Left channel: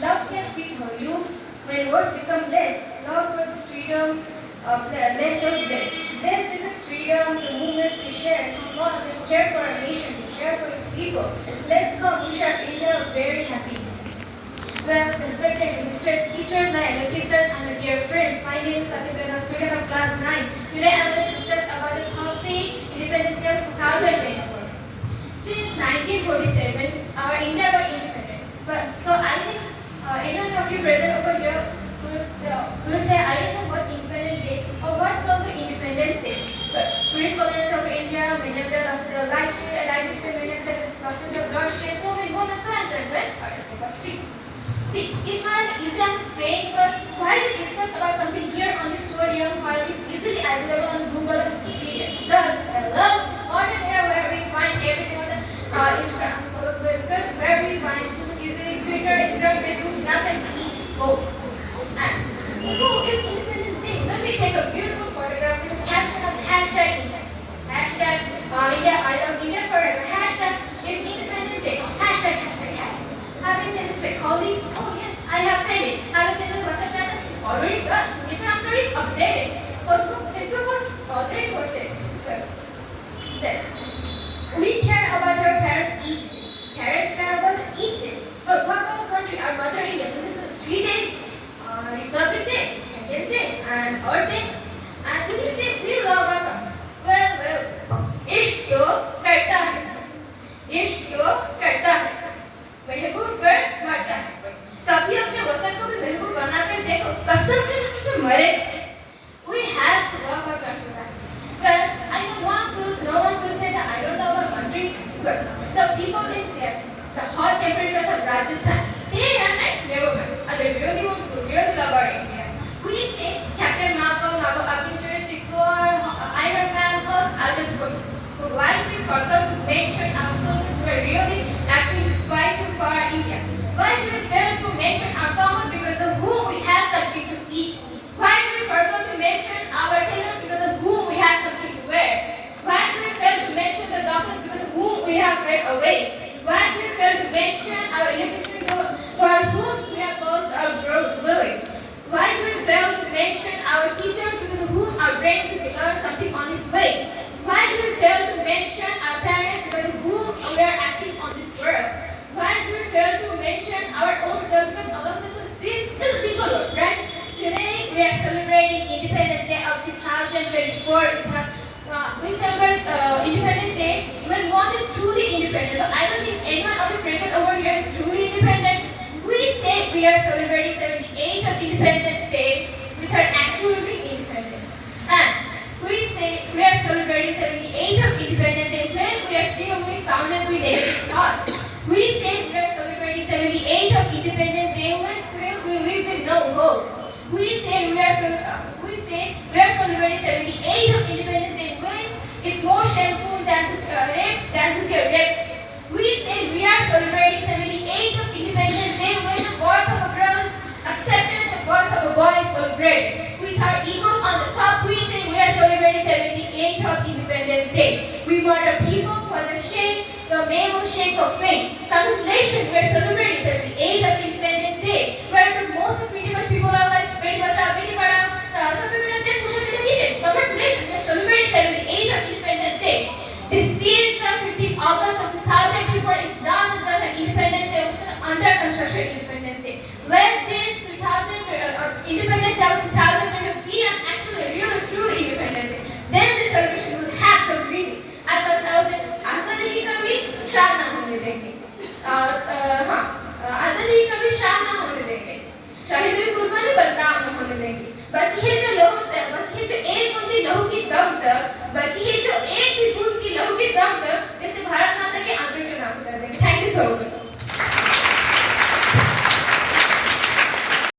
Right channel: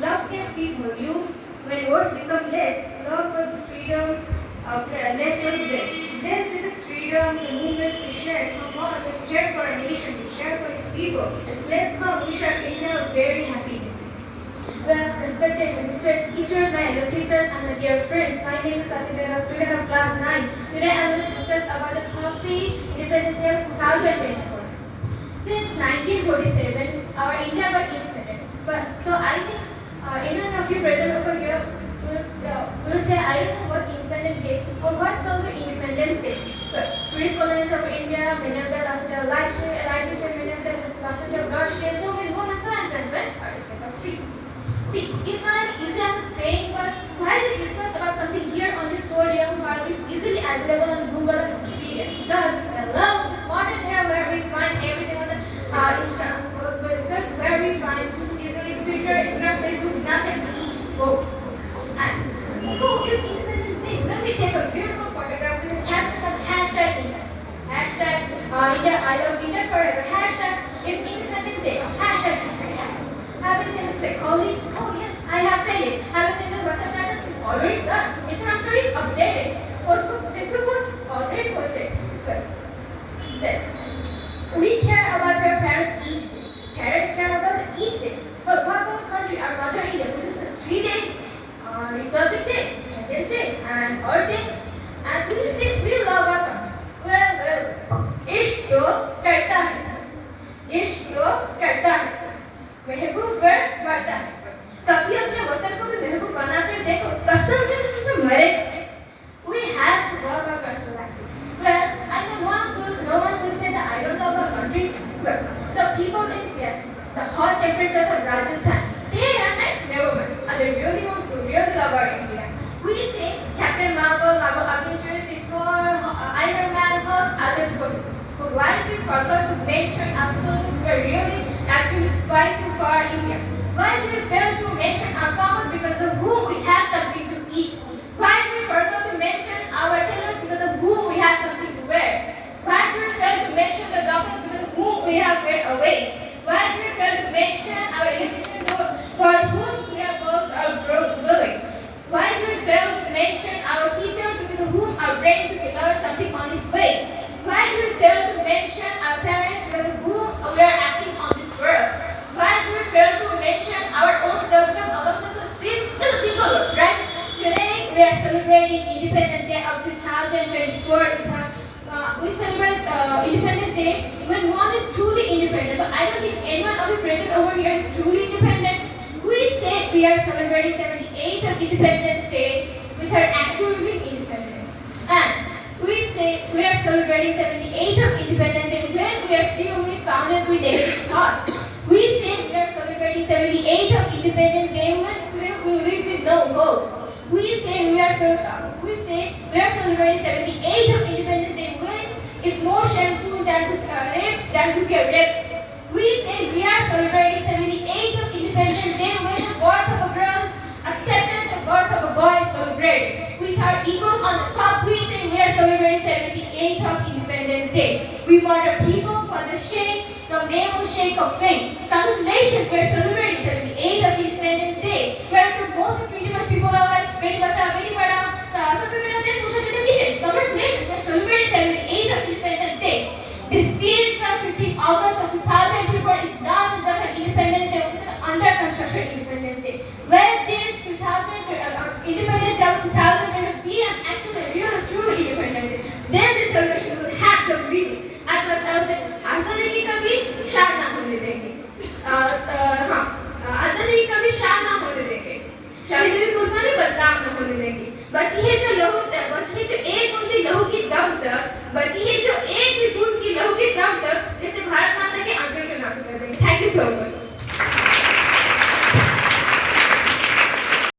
Love can speak volume when words become less. Love for this freedom, less was blessed. Blessed is a freedom, the movements we share. God has cared for our nation, we care for his people. Let's come, we shall India very happy. Well, respected ministers, teachers, my elder sisters, and my dear friends, my name is Satya, student of class 9. Today I will discuss about the topic Independence Day 2024. Since 1947, our India got independent. But so I think anyone of you present over here will say, I don't know what's Independence Day or what's called the Independence Day. But British colonies of India, many of them after the light shade, many of them after the broad shade, so many women, so and so and so. Alright, but three. See, it's not an easy I'm saying, but why to discuss about something here on the podium while it's easily available on the Google and Wikipedia? Thus, I love this modern era where we find everything on the Instagram, because where we find easily Twitter, Instagram, Facebook, Snapchat, and each go. And so it's Independence Day. Let me take a beautiful photograph with a caption of hashtag India. Hashtag India, I love India forever. Hashtag it's Independence Day. Hashtag. Have you sent this to colleagues? Oh yes, I have sent it. Have you sent the WhatsApp status? It's already done. Instagram story updated. Facebook was already posted. Then, we care about our parents each day. Parents care about each day. But what about country, our mother India? Because 3 days, Republic Day, Independence Day, and Earth Day. And we say we love our country. Well, इश्क तो करता है. इश्क तो करता है. महबूब कर मरता है. कभी अपने वतन को भी महबूब बनाकर देखो. कसम से तो मरे. We have to love our country like this. Well, I know no one will say that I don't love our country. But the people in Siachen, the hot temperatures of Rajasthan, day and night never win. And they really want to really love our India. We say Captain Marvel, Avengers, Thor, Iron Man, Hulk, I just would like to forget to mention our soldiers were really actually fight to for India. Why do we fail to mention our farmers because of whom we have something to eat? Why do we forget to mention our tailors because of whom we have something to wear? Why do we fail to mention the doctors because of whom we have fared away? Why do we fail to mention our electricians for whom we have lost our buildings? Why do we fail to mention our teachers because of whom our brain to develop something on its way? Why do we fail to mention our parents because of whom we are acting on this world? Why do we fail to mention our own self? Because all of this is a simple word, right? Today we are celebrating Independence Day of 2024. We celebrate Independence Day when one is truly independent. But I don't think anyone of you present over here is truly independent. We say we are celebrating 78th of Independence Day with our actually independent. And we say we are celebrating 78th of Independence Day when we are still being founded with negative thoughts. We say we are celebrating 78th of Independence Day when still we live with no hopes. We say we are celebrating 78th of Independence Day when it's more shameful than to rape than to get raped. We say we are celebrating 78th of Independence Day when the birth of a girl is accepted, the birth of a boy is celebrated. With our egos on the top, we say we are celebrating 78th of Independence Day. We want our people for the shake, the name of shake of faith. Congratulations, we are celebrating 78th of Independence Day, where the most pretty much people are like, Beti Bachao, Beti Padhao, some people are there, push up in the kitchen. Congratulations, we are celebrating 78th of Independence Day. This is the 15th August of 2024. It's not just an Independence Day, it's an under construction Independence Day. Let this Independence Day of 2020 be an actually real, truly Independence Day. Then this celebration will have some meaning. Because I would say, आज़ादी की कभी शान ना होने देंगे. आज़ादी की कभी शान ना होने देंगे. शहीदों की कुर्बानी बदनाम ना होने देंगे. बची है जो एक बूंदी लहू की दम तक